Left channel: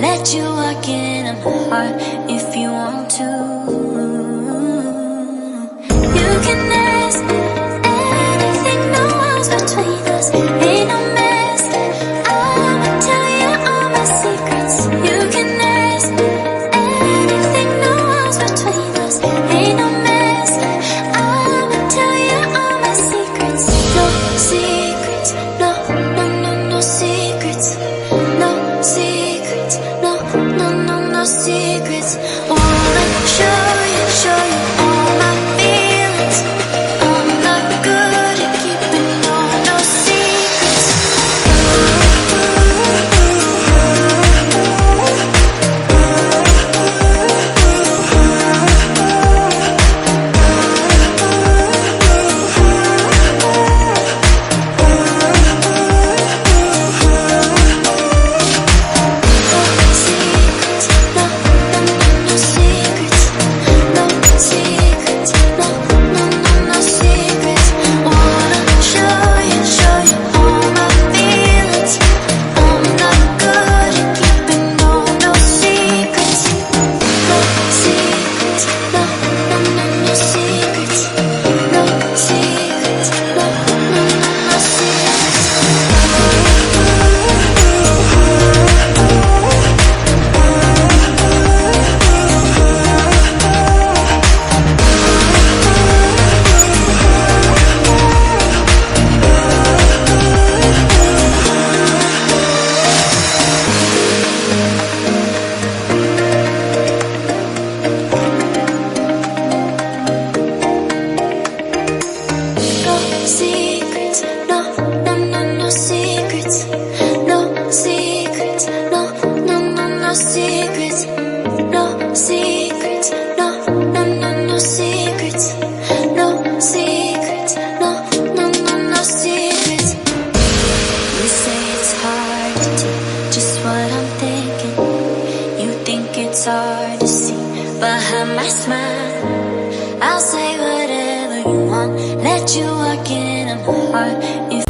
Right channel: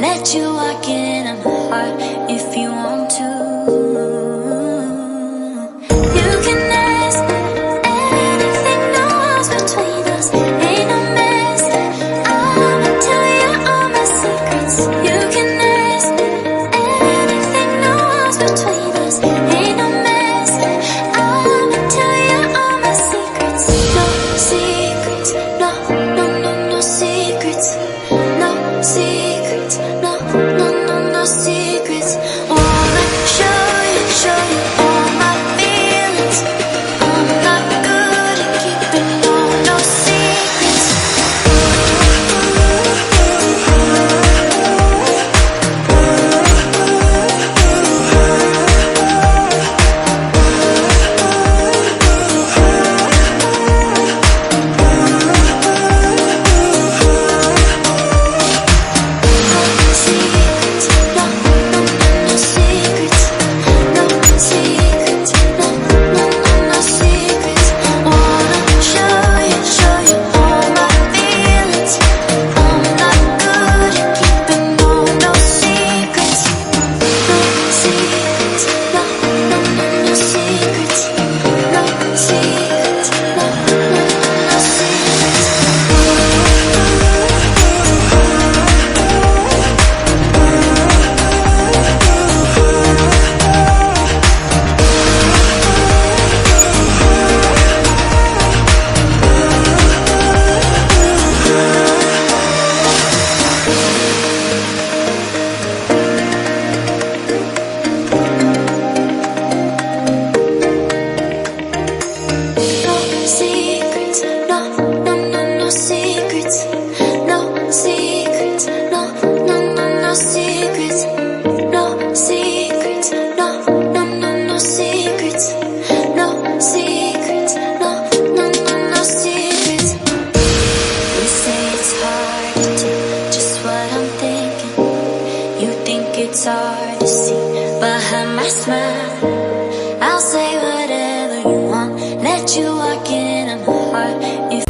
let you walk into my heart if you want to. You can ask me anything, no walls between us, ain't no mess. I'ma tell you all my secrets. You can ask me anything, no walls between us, ain't no mess. I'ma tell you all my secrets. No secrets, no, no, no, no secrets. No secrets, no, no, no, no secrets. Wanna show you all my feelings. I'm not good at keeping no secrets. It's hard to see behind my smile. I'll say whatever you want, let you walk into my heart if